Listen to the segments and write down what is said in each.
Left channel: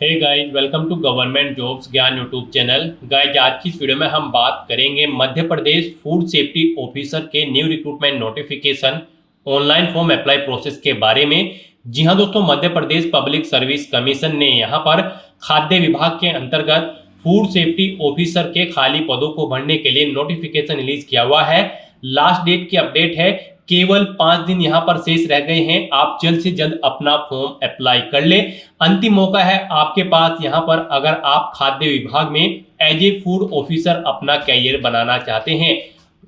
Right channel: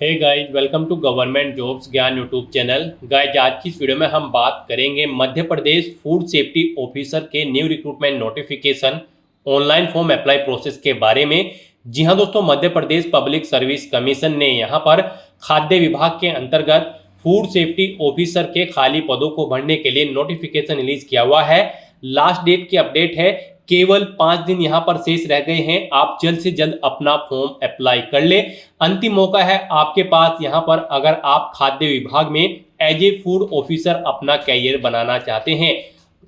Hey guys, welcome to government jobs Gyan YouTube channel. Guys, आज की इस वीडियो में हम बात करेंगे Madhya Pradesh food safety officer के new recruitment notification online form apply process के बारे में। जी हां दोस्तों, Madhya Pradesh public service commission ने यहां पर खाद्य विभाग के अंतर्गत फूड सेफ्टी ऑफिसर के खाली पदों को भरने के लिए नोटिफिकेशन रिलीज किया हुआ है। लास्ट डेट की अपडेट है, केवल 5 दिन यहाँ पर शेष रह गए हैं। आप जल्द से जल्द अपना फॉर्म अप्लाई कर ले। अंतिम मौका है आपके पास यहाँ पर, अगर आप खाद्य विभाग में एज ए फूड ऑफिसर अपना कैरियर बनाना चाहते हैं।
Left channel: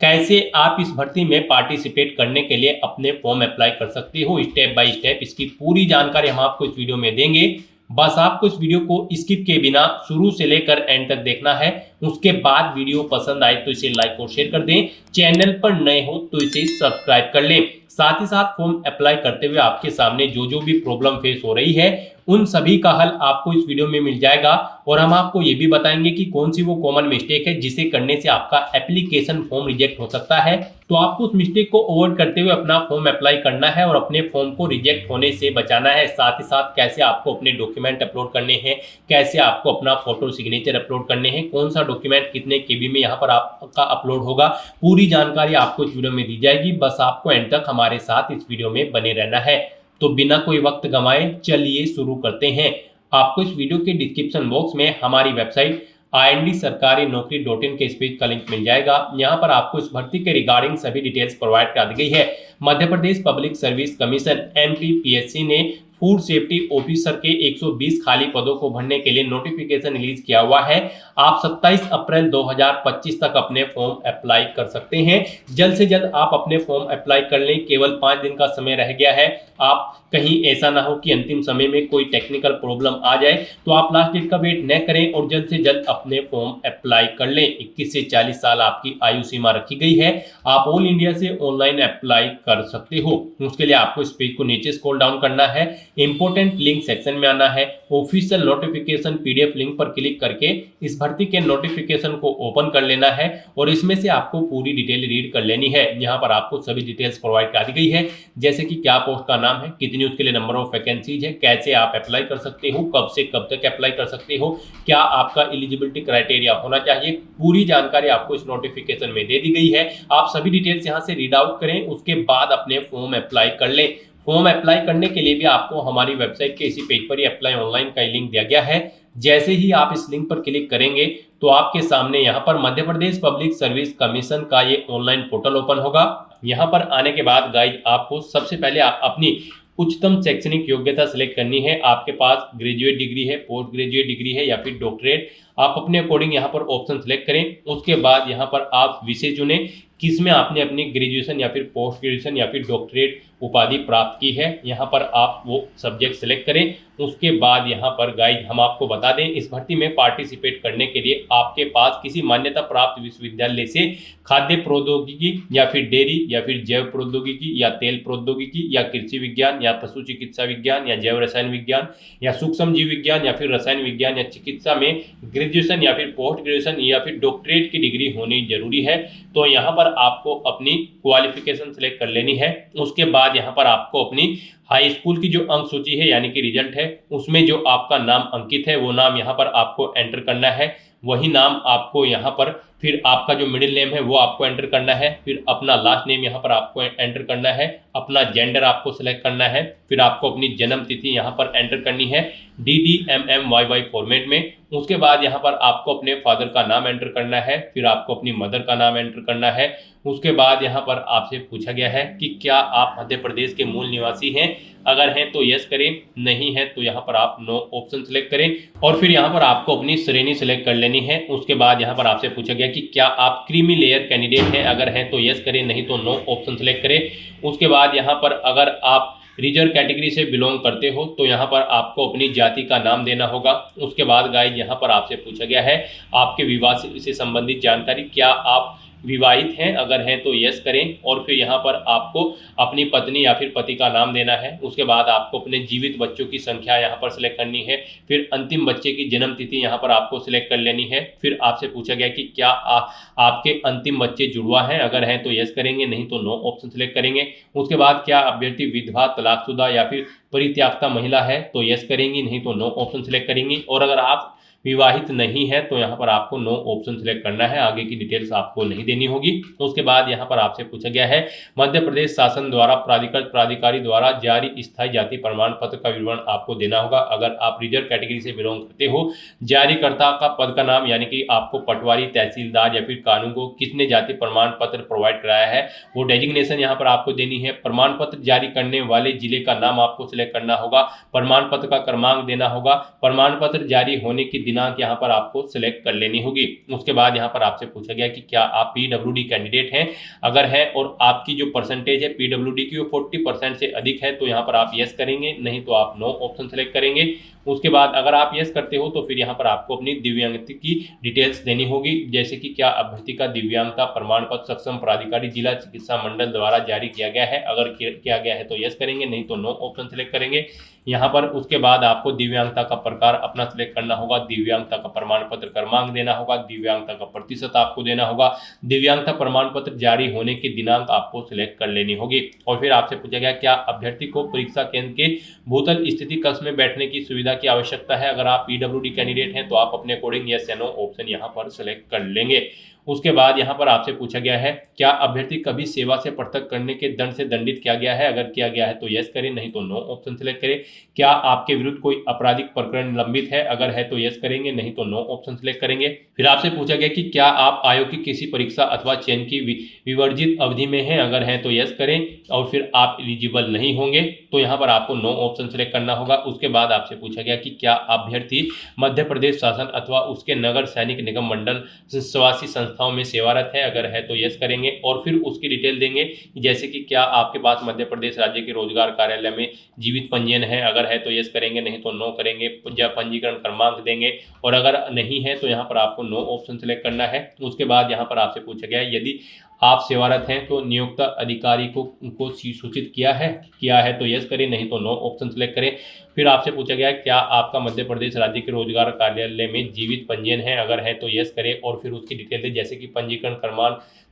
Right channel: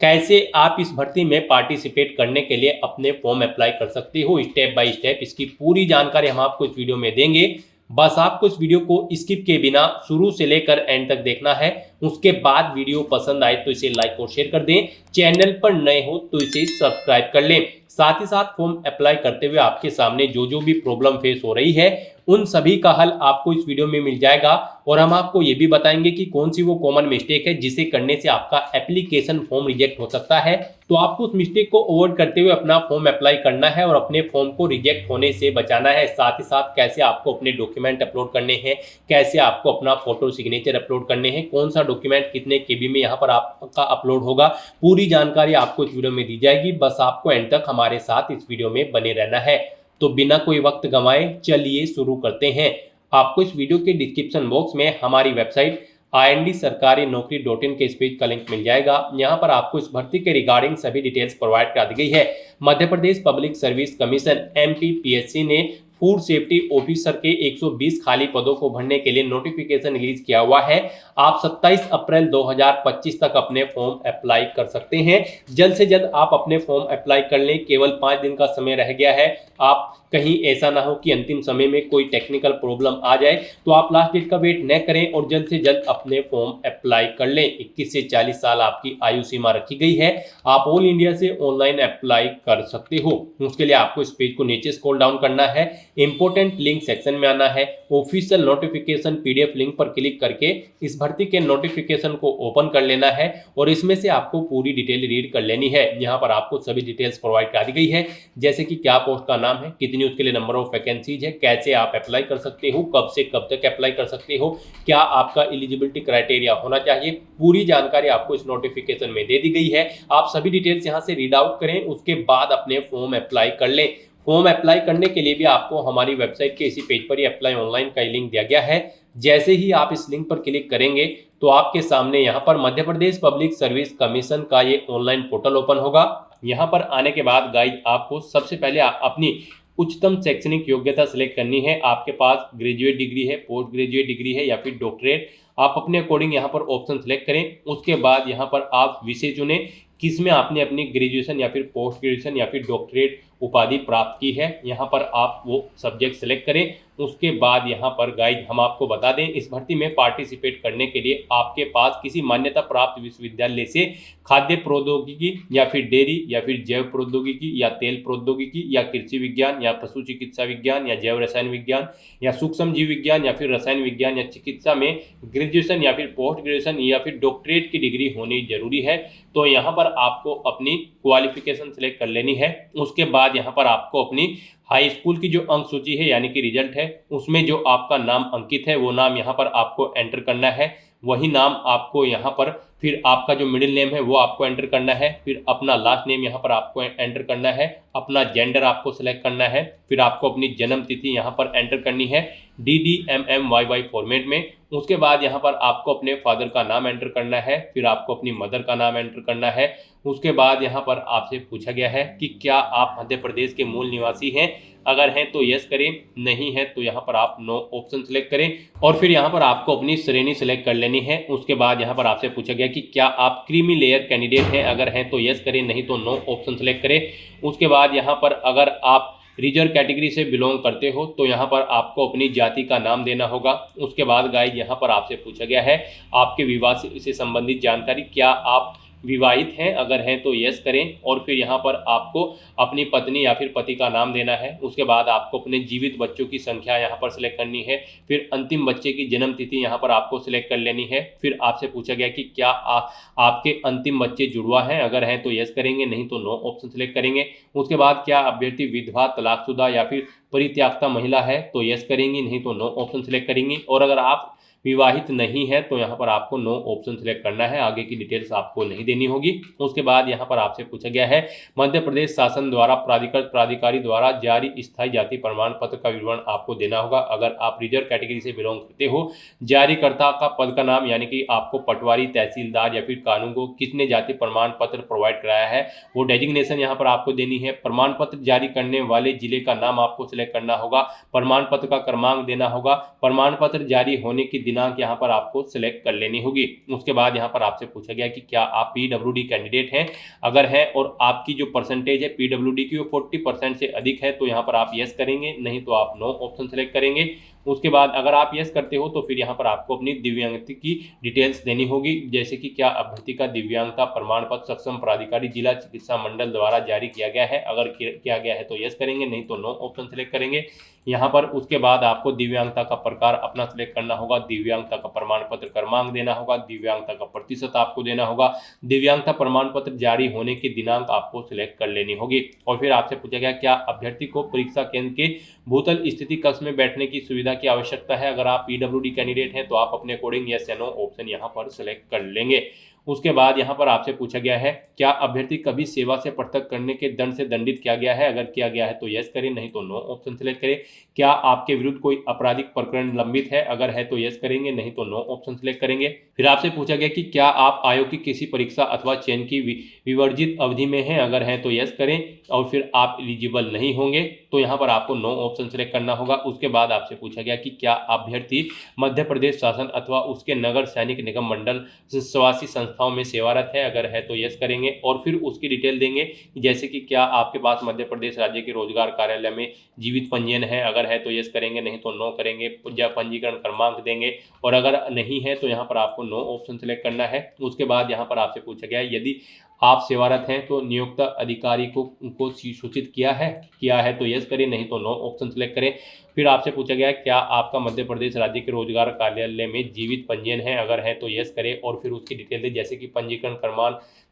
कैसे आप इस भर्ती में पार्टिसिपेट करने के लिए अपने फॉर्म अप्लाई कर सकते हो, स्टेप बाय स्टेप इसकी पूरी जानकारी हम आपको इस वीडियो में देंगे। बस आपको इस वीडियो को स्किप के बिना शुरू से लेकर एंड तक देखना है। उसके बाद वीडियो पसंद आए तो इसे लाइक और शेयर कर दें। चैनल पर नए हो तो इसे सब्सक्राइब कर लें। साथ ही साथ फॉर्म अप्लाई करते हुए आपके सामने जो जो भी प्रॉब्लम फेस हो रही है उन सभी का हल आपको इस वीडियो में मिल जाएगा। और हम आपको ये भी बताएंगे कि कौन सी वो कॉमन मिस्टेक है जिसे करने से आपका एप्लीकेशन फॉर्म रिजेक्ट हो सकता है। तो आपको उस मिस्टेक को अवॉइड करते हुए अपना फॉर्म अप्लाई करना है और अपने फॉर्म को रिजेक्ट होने से बचाना है। साथ ही साथ कैसे आपको अपने डॉक्यूमेंट अपलोड करने हैं, कैसे आपको अपना फोटो सिग्नेचर अपलोड करने हैं, कौन सा डॉक्यूमेंट कितने केबी में यहाँ पर आपका अपलोड होगा, पूरी जानकारी आपको इस वीडियो में दी जाएगी। बस आपको एंड तक हमारे साथ इस वीडियो में बने रहना है। तो बिना कोई वक्त गंवाए चलिए शुरू करते हैं। आपको इस वीडियो के डिस्क्रिप्शन बॉक्स में हमारी वेबसाइट IND-sarkari-naukri.in के इस पेज का लिंक मिल जाएगा। यहाँ पर आपको इस भर्ती के रिगार्डिंग सभी डिटेल्स प्रोवाइड कर दी गई है। मध्य Pradesh public service commission MPPSC ने फूड सेफ्टी ऑफिसर के 120 खाली पदों को भरने के लिए नोटिफिकेशन रिलीज किया हुआ है। आप 27 अप्रैल 2025 तक अपने फॉर्म अप्लाई कर सकते हैं। जल्द से जल्द आप अपने फॉर्म अप्लाई कर लें। केवल 5 दिन का समय रह गया है। आप कहीं ऐसा ना हो कि अंतिम समय में कोई टेक्निकल प्रॉब्लम आ जाए, तो आप लास्ट डेट का वेट न करें और जल्द से जल्द अपने फॉर्म अप्लाई कर लें। 21 से 40 साल आपकी आयु सीमा रखी गई है। आप ऑल इंडिया से ऑनलाइन अप्लाई कर सकते हो। उसके लिए आपको इस पेज को नीचे स्क्रॉल डाउन करना है, इंपोर्टेंट लिंक सेक्शन में आना है, ऑफिशियल नोटिफिकेशन PDF लिंक पर क्लिक करके इस भर्ती के नोटिफिकेशन को ओपन कर लेना है और इसमें से आपको पूरी डिटेल रीड कर लेनी है। यहाँ पर आपको सभी डिटेल्स प्रोवाइड कर दी गई है, जैसे कि क्या पोस्ट का नाम है, कितनी उसके लिए नंबर ऑफ वैकेंसीज है, कैसे आप अप्लाई कर सकते हो, कब से कब तक अप्लाई कर सकते हो, क्या आपका एलिजिबिलिटी क्राइटेरिया होना चाहिए। पूरी जानकारी आपको इस नोटिफिकेशन में दे दी गई है। आप सभी डिटेल्स यहाँ से रीड आउट करें, उसके बाद अपने फॉर्म अप्लाई कर लें। फॉर्म अप्लाई करने के लिए भी आपको हमारी वेबसाइट के इसी पेज पर ही अप्लाई ऑनलाइन का लिंक दिया गया है। जैसे ही आप इस लिंक पर क्लिक करेंगे तो आपके सामने यहाँ पर मध्य प्रदेश पब्लिक सर्विस कमीशन का ये ऑनलाइन पोर्टल ओपन होगा। यहाँ पर आने के बाद गाइज आपको सबसे पहले अपनी उच्चतम शैक्षणिक योग्यता सिलेक्ट करनी है। आपके पास ग्रेजुएट डिग्री है, पोस्ट ग्रेजुएट डिग्री है या फिर डॉक्टरेट, आप अपने अकॉर्डिंग यहाँ पर ऑप्शन सेलेक्ट करें। उसके बाद यहाँ पर आप विषय चुनें किसमें आपने अपनी ग्रेजुएशन या फिर पोस्ट ग्रेजुएशन या फिर डॉक्टरेट उपाधि प्राप्त की है। यहाँ पर आप वो सब्जेक्ट सेलेक्ट करें। उसके बाद यहाँ पर गाइड हम आपको बता दें, इस भर्ती में पार्टिसिपेट करने के लिए आपके पास किसी मान्यता प्राप्त विश्वविद्यालय से खाद्य प्रौद्योगिकी या फिर डेयरी या फिर जैव प्रौद्योगिकी या तेल प्रौद्योगिकी या कृषि विज्ञान या पशु चिकित्सा विज्ञान या जैव रसायन विज्ञान या सूक्ष्म जीव विज्ञान या फिर रसायन विज्ञान या चिकित्सा में ग्रेजुएशन या फिर पोस्ट ग्रेजुएशन या फिर डॉक्टरेट की डिग्री होनी जरूरी है। तो यहाँ पर आपको अपनी क्वालिफिकेशन सेलेक्ट कर लेनी है। उसके बाद यहाँ पर आपको अपनी हाई स्कूल की जो अंक सूची है यानी कि रिजल्ट है, उसमें जो आपका नाम अंकित है वो नाम यहाँ पर आपको एंटर करना है। वही नाम आपको यहाँ पर फिर आपका जो मिडिल नेम है वो आपको एंटर करना है, फिर अपना लास्ट नेम यहाँ पर आपको एंटर करना है, अपना जेंडर आपको सेलेक्ट करना है, फिर आपको अपनी जन्म तिथि यहाँ पर एंटर करनी है DDMMYY फॉर्मेट में। उसके बाद यहाँ पर आपको अपने फादर का नाम एंटर करना है, फिर आपको अपनी मदर का नाम एंटर करना है। उसके बाद यहाँ पर आपसे पूछा गया है कि क्या आप मध्य प्रदेश के मूल निवासी हैं। अगर हैं तो यस करें, नहीं है तो यहाँ पर आप नो ऑप्शन सेलेक्ट करें और फिर यहाँ पर आपको अपनी श्रेणी सेलेक्ट कर लेनी है। उसके बाद यहाँ पर आपसे पूछा गया कि क्या आप क्रीमी लेयर कैंडिडेट हैं। अगर हैं तो यस करें, नहीं तो नो ऑप्शन सेलेक्ट करें। उसके बाद यहाँ पर अगर आप रिजर्व कैटेगरी से बिलोंग करते हो तो यहाँ पर आपको अपनी जाति का नाम देना होगा। उसके बाद गाइज यहाँ पर आपसे पूछा गया है आपके विवाह से संबंधित जानकारी, क्या आप विवाहित हैं, अगर हैं तो यस करें और फिर यहाँ पर आपको अपनी पत्नी या फिर पति का नाम देना है। उसके बाद आपको अपने जीवित बच्चों की संख्या यहाँ पर सिलेक्ट करनी है। फिर अंतिम बच्चे की जन्म तिथि यहाँ पर आपको सिलेक्ट कर लेनी है। फिर आपसे पूछा गया कि क्या आपके अंतिम बच्चे जुड़वा हैं, अगर हैं तो यस करेंगे, नहीं तो नो ऑप्शन सिलेक्ट करेंगे। उसके बाद क्या अभ्यर्थी विधवा, तलाकशुदा या फिर परित्याक्ता महिला है तो यस करेंगी, नहीं तो नो ऑप्शन सिलेक्ट करेंगी। और अगर आप विवाहित नहीं है तो यहाँ पर आपको नो ऑप्शन सिलेक्ट करना है, आगे की डिटेल्स आपको नहीं देनी होगी। उसके बाद यहाँ पर आपसे पूछा गया है मध्य प्रदेश शासन द्वारा प्राधिकृत प्राधिकारी द्वारा जारी स्थायी जाति प्रमाण पत्र का विवरण आपको देना होगा। अगर आप रिजर्व कैटेगरी से बिलोंग करते हो, जारीकर्ता का पद का नाम यानी कि आपको पटवारी, तहसीलदार या फिर कानून को किसने जाति प्रमाण पत्र प्रोवाइड कराया है वो डेजिग्नेशन यहाँ पर आपको देनी है। प्रमाण पत्र जारी करने वाले जिले का नाम आपको सिलेक्ट करना होगा। प्रमाण पत्र का क्रमांक देना होगा। प्रमाण पत्र जारी होने की दिनांक यहाँ पर आपको सिलेक्ट कर लेनी होगी। उसके बाद यहाँ पर आपसे पूछा गया कि क्या आप पीडब्ल्यूडी कैंडिडेट हैं, अगर है और आपकी जो परसेंटेज है पीडब्ल्यूडी की वो 40% से अधिक है तो यहाँ पर आप यस करेंगे, नहीं तो आप नो ऑप्शन सेलेक्ट करेंगे। उसके बाद अगर आप यस करते हो तो फिर यहाँ पर आपको अपनी दिव्यांगता की डिटेल्स देनी होगी, जैसे कि क्या अभ्यर्थी का दिव्यांगता प्रमाण पत्र सक्षम प्राधिकारी जिला चिकित्सा मंडल द्वारा जारी किया गया है, अगर किया गया है तो यस करेंगे, नहीं तो नो ऑप्शन सेलेक्ट करेंगे यहाँ पर। उसके बाद आपको दिव्यांगता का प्रकार अपना सिलेक्ट करना होगा, दिव्यांगता का प्रमाण पत्र क्रमांक देना होगा, दिव्यांगता का प्रतिशत आपको देना होगा, दिव्यांगता प्रमाण पत्र जारी होने की दिनांक आपको सिलेक्ट कर लेनी होगी। और फिर आपसे पूछा गया क्या अभ्यर्थी को परीक्षा केंद्र के भूतल स्थिति कक्ष में बैठने की सुविधा की आवश्यकता है, अगर आप पीडब्ल्यूडी कैंडिडेट हैं तो आप अपने अकॉर्डिंग यस या नो ऑप्शन यहाँ पर सिलेक्ट कर लेंगे। उसके बाद यहाँ पर आपसे पूछा गया है क्या अभ्यर्थी कभी सेवा से पृथक करने के दंड से दंडित किया गया है, अगर किया गया है तो यस करें, नहीं तो नो ऑप्शन सिलेक्ट करें। क्या आपके विरुद्ध कोई आपराधिक प्रकरण लंबित है, अगर है तो यस करेंगे, नहीं तो नो ऑप्शन सिलेक्ट करेंगे। फिर आपसे पूछा गया कि क्या आप आयोग की किसी परीक्षा अथवा चयन की विवर्जित अवधि में हैं, अगर है तो यस करें और फिर आप एलिजिबल नहीं होंगे तो यहाँ पर आपको नो ऑप्शन सिलेक्ट करना होगा। उसके बाद आपसे पूछा गया कि क्या अभ्यर्थी मध्य प्रदेश शासन अथवा उसके नगर सैनिक निगम मंडल स्वासी संस्थाओं में सेवारत है, अगर है तो यस करेंगे और फिर उसकी डिटेल देंगे, जैसे कि क्या आपके पास मध्य प्रदेश राज्य के रोजगार कार्यालय में जीवित पंजीयन है, अगर है तो यस करेंगे, नहीं तो नो करेंगे। पंजीकरण क्रमांक देंगे और अगर नहीं है तो यहाँ पर आपको नो ऑप्शन सेलेक्ट करना है। उसके बाद यहाँ पर आपसे पूछा गया यदि आप सेवारत हैं तो नियुक्त अधिकारी को उनको सूचित किया है तो यस करें, नहीं तो नो ऑप्शन सेलेक्ट करें। फिर आपसे पूछा गया क्या आपका मध्य प्रदेश राज्य के रोजगार कार्यालय में जीवित पंजीयन है, अगर है तो यस करें और फिर उसकी डिटेल दें, जैसे कि पंजीकरण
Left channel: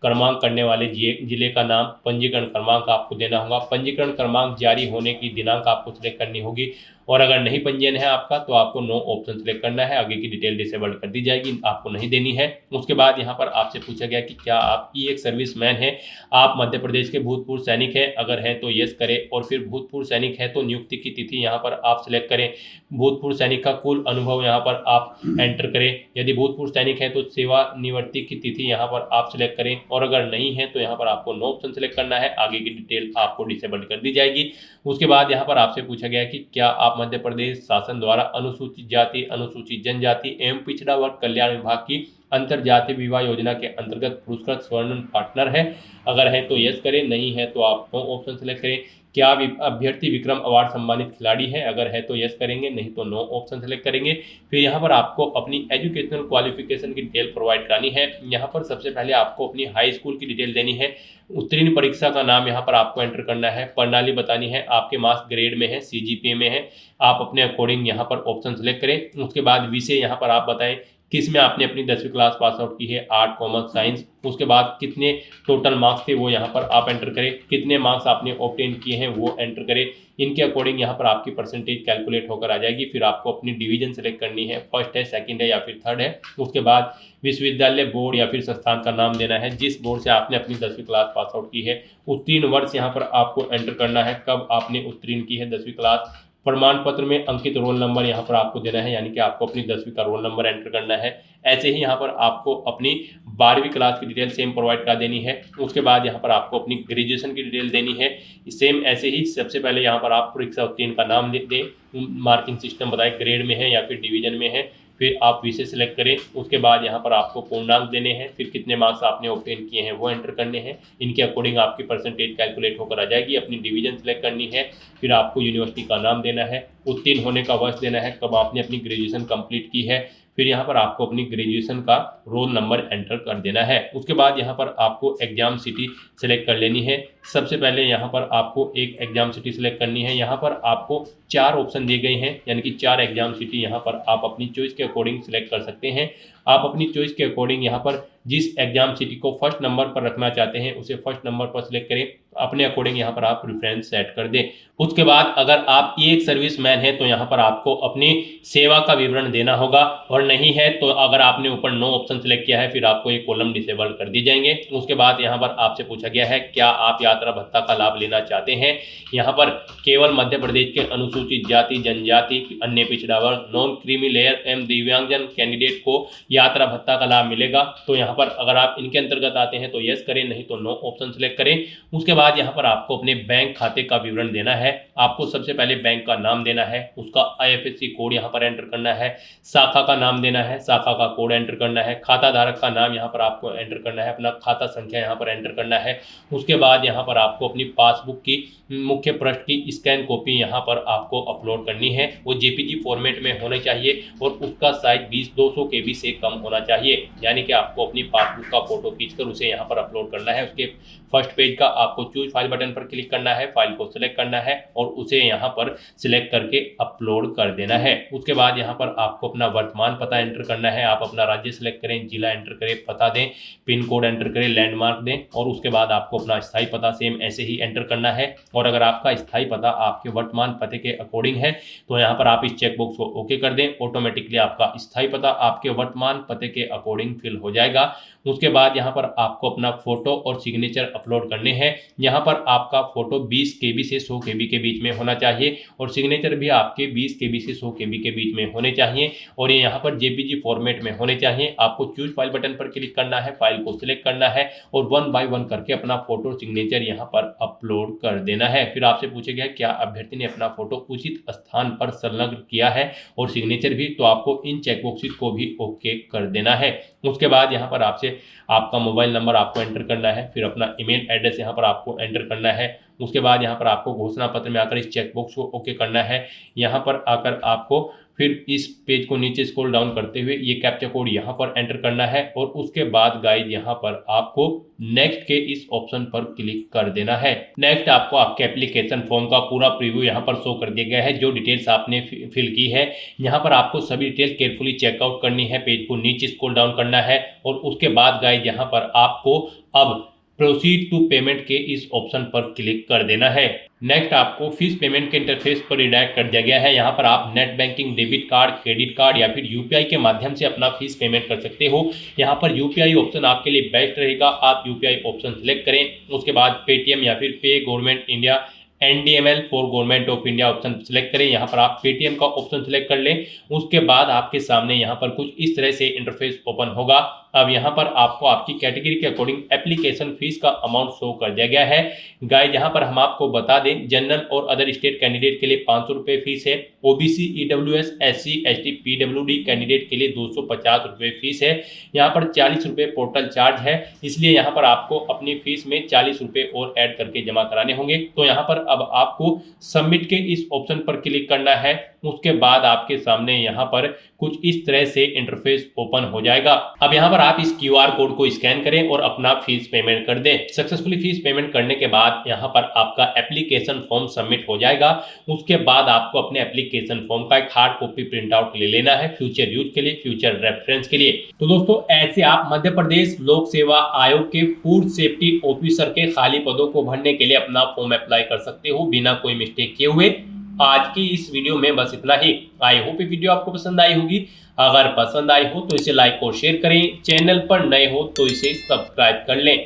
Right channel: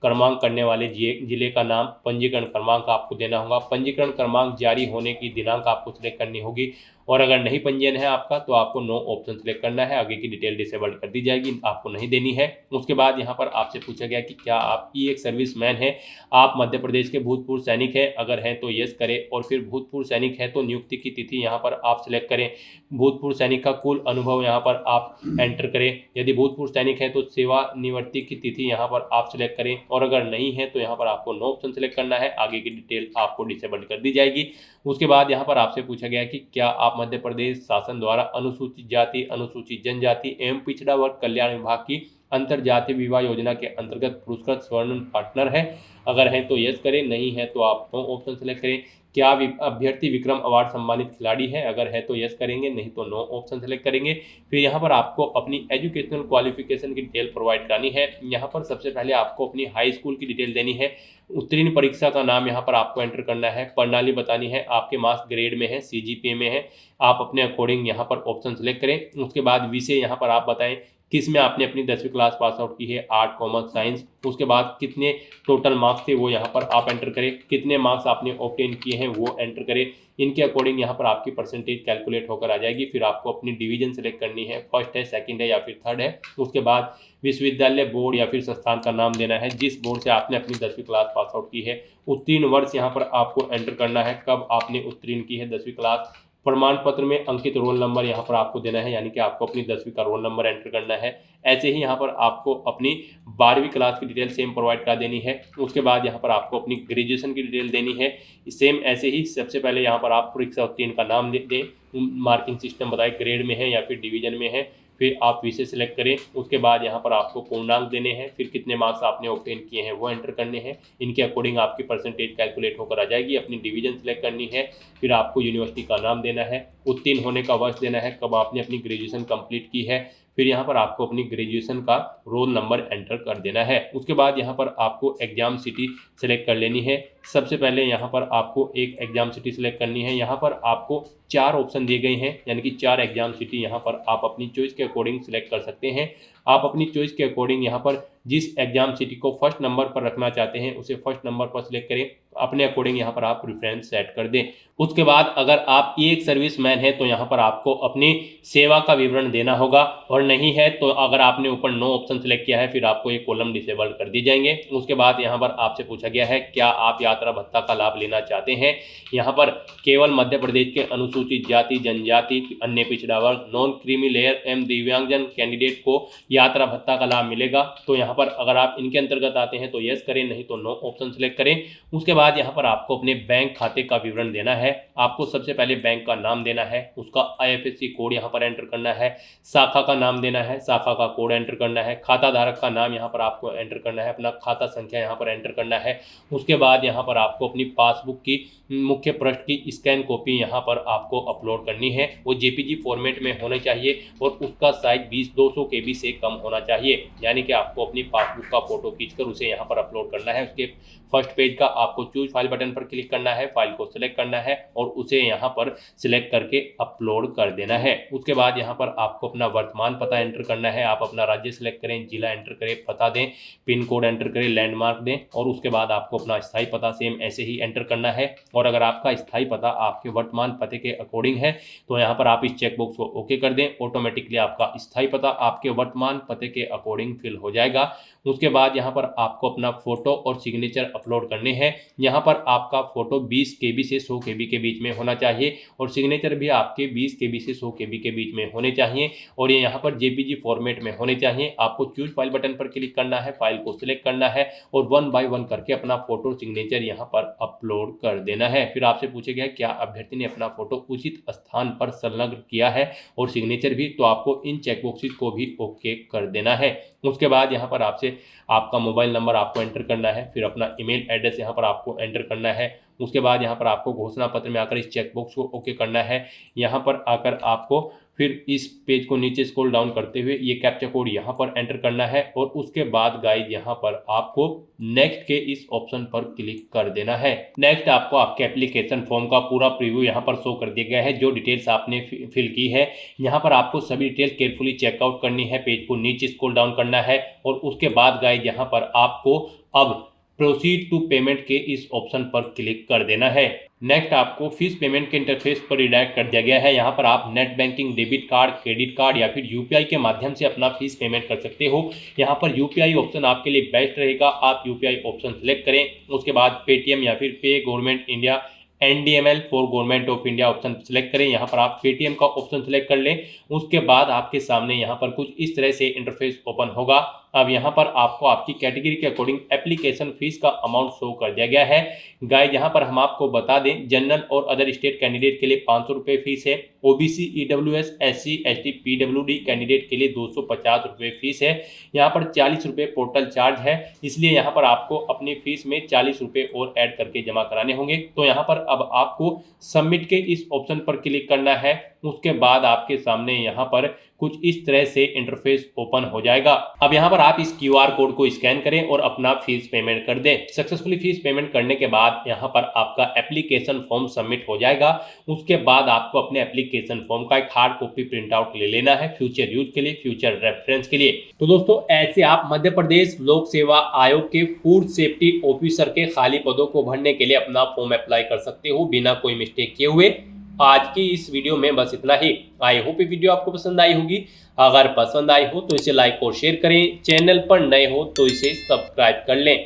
क्रमांक करने वाले जिले का नाम, पंजीकरण क्रमांक आपको देना होगा, पंजीकरण क्रमांक जारी होने की दिनांक आपको सिलेक्ट करनी होगी और अगर नहीं पंजीयन है आपका तो आपको नो ऑप्शन सेलेक्ट करना है, आगे की डिटेल डिसेबल कर दी जाएगी, आपको नहीं देनी है। उसके बाद यहाँ पर आपसे पूछा गया कि क्या आप एक सर्विसमैन है, आप मध्य प्रदेश के भूतपूर्व सैनिक हैं, अगर हैं तो यस करें और फिर भूतपूर्व सैनिक है तो नियुक्ति की तिथि यहाँ पर आप सिलेक्ट करें, भूतपूर्व सैनिक का कुल अनुभव यहाँ पर आप एंटर करें, यदि भूतपूर्व सैनिक है तो सेवानिवृत्ति की तिथि यहाँ पर आप सिलेक्ट करें और अगर नहीं है तो यहाँ पर आपको नो ऑप्शन सेलेक्ट करना है, आगे की डिटेल आपको डिसेबल कर दी जाएगी। उसके बाद यहाँ पर आपसे पूछा गया कि क्या आप मध्य प्रदेश शासन द्वारा अनुसूचित जाति, अनुसूचित जनजाति एवं पिछड़ा वर्ग कल्याण विभाग की अंतरजातीय विवाह योजना के अंतर्गत पुरस्कृत स्वर्ण पार्टनर है, अगर है तो यस करें, नहीं है तो आप नो ऑप्शन सेलेक्ट करें। क्या अभ्यर्थी विक्रम अवार्ड सम्मानित खिलाड़ी है, अगर है तो यस करेंगे, नहीं तो नो ऑप्शन सेलेक्ट करेंगे। फिर यहाँ पर आपको अपनी एजुकेशनल क्वालिफिकेशन की डिटेल प्रोवाइड करानी है। यहाँ पर सबसे पहले आपको अपनी हाई स्कूल की डिटेल देनी है, उत्तीर्ण परीक्षा का नाम यहाँ पर आपको एंटर करना है, प्रणाली बतानी है, आपके मार्क्स ग्रेड में है, सीजीपीए में है, आप अपने अकॉर्डिंग यहाँ पर ऑप्शन सेलेक्ट करें। उसके बाद विषय यहाँ पर आप बताएं किस में आपने अपनी 10वीं क्लास पास आउट की है, आर्ट, कॉमर्स, साइंस। उसके बाद कितने टोटल मार्क्स थे वो यहाँ पर आप एंटर करें, कितने मार्क्स आपने ऑब्टेन किए हैं वो एंटर करें, इनके अकॉर्डिंग यहाँ पर आपकी परसेंटेज कैलकुलेट होकर आ जाएगी। फिर आपको अपनी डिवीजन सेलेक्ट करनी है, फर्स्ट है, सेकंड है या फिर थर्ड है। उसके बाद विश्वविद्यालय, बोर्ड या फिर संस्थान का नाम देना है जिस बोर्ड से आपने अपनी 10वीं क्लास पास आउट की है, उत्तीर्ण वर्ष यहाँ पर आपको एंटर करना है, कब आपने उत्तीर्ण की है 10वीं क्लास, प्रमाण पत्र में अंकित रोल नंबर यहाँ पर आपको देना है, यानी कि आपको अपनी 10वीं का रोल नंबर एंटर करना है। ऐसे ही यहाँ पर आपको अपनी 12वीं क्लास की डिटेल सेम प्रोवाइड करा देनी है। उसके बाद यहाँ पर आपको अपनी ग्रेजुएशन की डिटेल देनी है, सेम ऐसे ही सबसे पहले यहाँ पर आप परीक्षा उत्तीर्ण का नाम दें, मार्किंग सिस्टम बताएं, ग्रेड में है या फिर डिवीजन में है, फिर आप विषय सेलेक्ट करें। उसके बाद यहाँ पर आपको पूर्णांक देने हैं, फिर कितने मार्क्स आपने ऑब्टेन किए हैं वो एंटर करने हैं, इनके अकॉर्डिंग आपकी परसेंटेज कैलकुलेट होकर आ जाएगी। अपनी डिवीजन सेलेक्ट करनी है, फिर आपको यूनिवर्सिटी का नाम देना है, उत्तीर्ण होने का वर्ष देना है, कब आपने अपनी ग्रेजुएशन कंप्लीट की है, फिर यहाँ पर आपको अपनी ग्रेजुएशन का रोल नंबर एंटर कर देना है। उसके बाद यहाँ पर आपको एग्जाम सिटी सेलेक्ट कर लेनी है। सबसे पहले यहाँ पर आपको एक एग्जाम सिटी सेलेक्ट करनी है। यहाँ पर आपको 4 ऑप्शन दिए गए हैं, यानी कि 4 एग्जाम सिटी यहाँ पर आप अपनी चॉइस के अकॉर्डिंग सेलेक्ट कर सकते हैं। आप अपनी चॉइस के अकॉर्डिंग यहाँ पर जिस एग्जाम सिटी को फर्स्ट नंबर पर रखना चाहते हैं उसे फर्स्ट नंबर पर सिलेक्ट करें। अपने अकॉर्डिंग यहाँ पर आप प्रेफरेंस सेट कर दें। उसके बाद अगर आप एक सर्विसमैन है तो यहाँ पर आपको अपनी सेवा का विवरण देना होगा, और नहीं है तो अगर आपने ऊपर नो ऑप्शन सेलेक्ट किया है फिर आपको एक कॉलम डिसेबल कर दी जाएंगे। उसके बाद यहाँ पर आपसे पूछा गया है क्या आप यात्रा भत्ता का लाभ लेना चाहते हैं। यहाँ पर केवल मध्य प्रदेश के अनुसूचित जाति, जनजाति, अन्य पिछड़ा वर्ग, नॉन क्रीमी लेयर एवं दिव्यांगजन कैंडिडेट को यात्रा भत्ता का लाभ मिलेगा। तो यहाँ पर अगर आप इनके अंतर्गत आते हैं तो यस करें, नहीं तो नो ऑप्शन सेलेक्ट करें। उसके बाद यहाँ पर आपको अपने बैंक खाते का विवरण देना है। आपको सबसे पहले बैंक का नाम देना है, उसका IFSC कोड यहाँ पर एंटर करना है, शाखा का नाम देना है, शाखा का कोड एंटर करना है, खाता धारक का नाम यहाँ पर आपको एंटर करना है, अपना खाता संख्या यहाँ पर एंटर करना है। उसके बाद यहाँ पर आपको अपनी पासबुक की मुख्य पृष्ठ की स्कैन कॉपी यहाँ पर आपको अपलोड करनी है। वो JPG फॉर्मेट में होना चाहिए और उसका साइज 200 KB से कम होना चाहिए, यानी कि आपको अपनी पासबुक का फोटो खींचकर उसे यहाँ पर अपलोड करना है। उसके फर्स्ट पेज का आपको चूज फाइल बटन पर क्लिक करना है, फाइल को सिलेक्ट करना है और उसे यहाँ पर सिलेक्ट करके अपलोड कर देना है। उसके बाद यहाँ पर आपको अपना वर्तमान पता एंटर करना है। आप अपना राज्य सिलेक्ट करें, जिला एंटर करें, पता दें, पिन कोड एंटर करें, लैंडमार्क दें और उसके बाद आपको अपना स्थायी पता सेम ऐसे ही एंटर करना है। और अगर आपका स्थायी पता आपके वर्तमान पते के अकॉर्डिंग है तो यहाँ पर आप इस चेकबॉक्स को ओके कर दें। ऑटोमेटिकली आपका स्थायी पता आपके वर्तमान पते के अकॉर्डिंग फिल हो जाएगा। उसके बाद यहाँ पर आपको अपना फोटो और सिग्नेचर अपलोड करने हैं। यहाँ पर आपका फोटो 20 KB से 100 KB के बीच में होना चाहिए और सिग्नेचर भी आपके 20 KB से 100 KB के बीच में होने चाहिए और ये यहाँ पर JPG फॉर्मेट में होने चाहिए। आपको चूज फाइल बटन पर क्लिक करना है, फाइल को सिलेक्ट करना है और 1 बाय 1 करके अपना फोटो सिग्नेचर यहाँ पर अपलोड कर देना है। फिर आपसे पूछेगा क्या अभ्यर्थी ने अपना फोटो उचित स्थान पर संलग्न किया है और सिग्नेचर भी, तो आपको इन चेकबॉक्सेस को भी ओके कर देना है। उसके बाद यहाँ पर आपसे आपका मोबाइल नंबर आपको एंटर करना है, फिर अपना ईमेल एड्रेस यहाँ पर आपको एंटर करना है। उसके बाद यहाँ पर आपको घोषणा पत्र में आकर इस चेकबॉक्स को ओके करना है। यहाँ पर आकर आपको फिर इस पेज को नीचे स्क्रॉल डाउन करते हुए ये कैप्चा कोड यहाँ पर एंटर करना है और उसके बाद गाइस यहाँ पर आपको नेक्स्ट के इस ऑप्शन पर क्लिक कर देना है। नेक्स्ट आपको आपके एप्लीकेशन फॉर्म का पूरा प्रीव्यू यहाँ पर शो कर दिया गया है, जो डिटेल्स आपने फिल की है। यहाँ पर आपको सभी डिटेल्स केयरफुली चेकआउट करनी है, पेज को नीचे स्क्रॉल डाउन करना है और उसके बाद गाइस यहाँ पर आपको अब प्रोसीड टू पेमेंट के इस ऑप्शन पर क्लिक कर देना है। नेक्स्ट आपको फीस पेमेंट के इंटरफेस पर रिडायरेक्ट कर दिया गया है। यहाँ पर आप net banking, debit card, credit card या फिर UPI के माध्यम से अपना फीस पेमेंट कर सकते हो। यहाँ पर UPI ऑप्शन आपके लिए बेस्ट रहेगा, आप UPI ऑप्शन सेलेक्ट करें। उसके बाद पेटीएम या फिर पे government India NDML for government of India option select करें। यहाँ पर आप पेटीएम का ऑप्शन सेलेक्ट कर लें। उसके बाद आपके सामने यहाँ पर कुछ इस तरह से इंटरफेस ओपन होगा। अब यहाँ पर आपको आपकी कैटेगरी के अकॉर्डिंग एप्लीकेशन फीस का अमाउंट शो कर दिया गया है। गाइस यहाँ पर हम आपको बता दें, जनरल और अदर स्टेट कैंडिडेट के लिए 500 रुपये फीस है। OBC, EWS, SC, ST, PWD candidate के लिए 250 रुपये फीस है। यहाँ पर 40 रुपये पोर्टल चार्ज है, इसलिए यहाँ पर आपको अपनी फीस में 40 रुपये और ऐड करके जमा कराने होंगे। तो यहाँ पर अब आपको सबमिट के इस ऑप्शन पर क्लिक करना है। उसके बाद आपके सामने यहाँ पर कुछ इस तरह से इंटरफेस ओपन हो जाएगा। अब यहाँ पर आप इस QR कोड को स्कैन करें और अपना फीस पेमेंट कर दें। सक्सेसफुली फीस पेमेंट करने के बाद यहाँ पर आपका एप्लीकेशन फॉर्म सबमिट हो जाएगा। उसके बाद आपको अपने एप्लीकेशन फॉर्म का एक हार्ड कॉपी प्रिंट आउट ले लेना है फ्यूचर यूज के लिए, फ्यूचर रेफरेंस के लिए। तो दोस्तों ऐसे आप मध्य प्रदेश लोक सेवा आयोग के फूड सेफ्टी ऑफिसर के खाली पदों को भरने के लिए अपना फॉर्म अप्लाई कर सकते हो बिना कोई मिस्टेक किए हुए। आज की इस वीडियो में बस इतना ही। आई होप ये वीडियो आपको पसंद आई होगी। अगर पसंद आई हो तो इसे लाइक और शेयर करें। चैनल पर नए हो तो इसे सब्सक्राइब कर लें।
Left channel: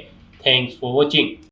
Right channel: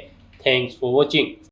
Thanks for watching.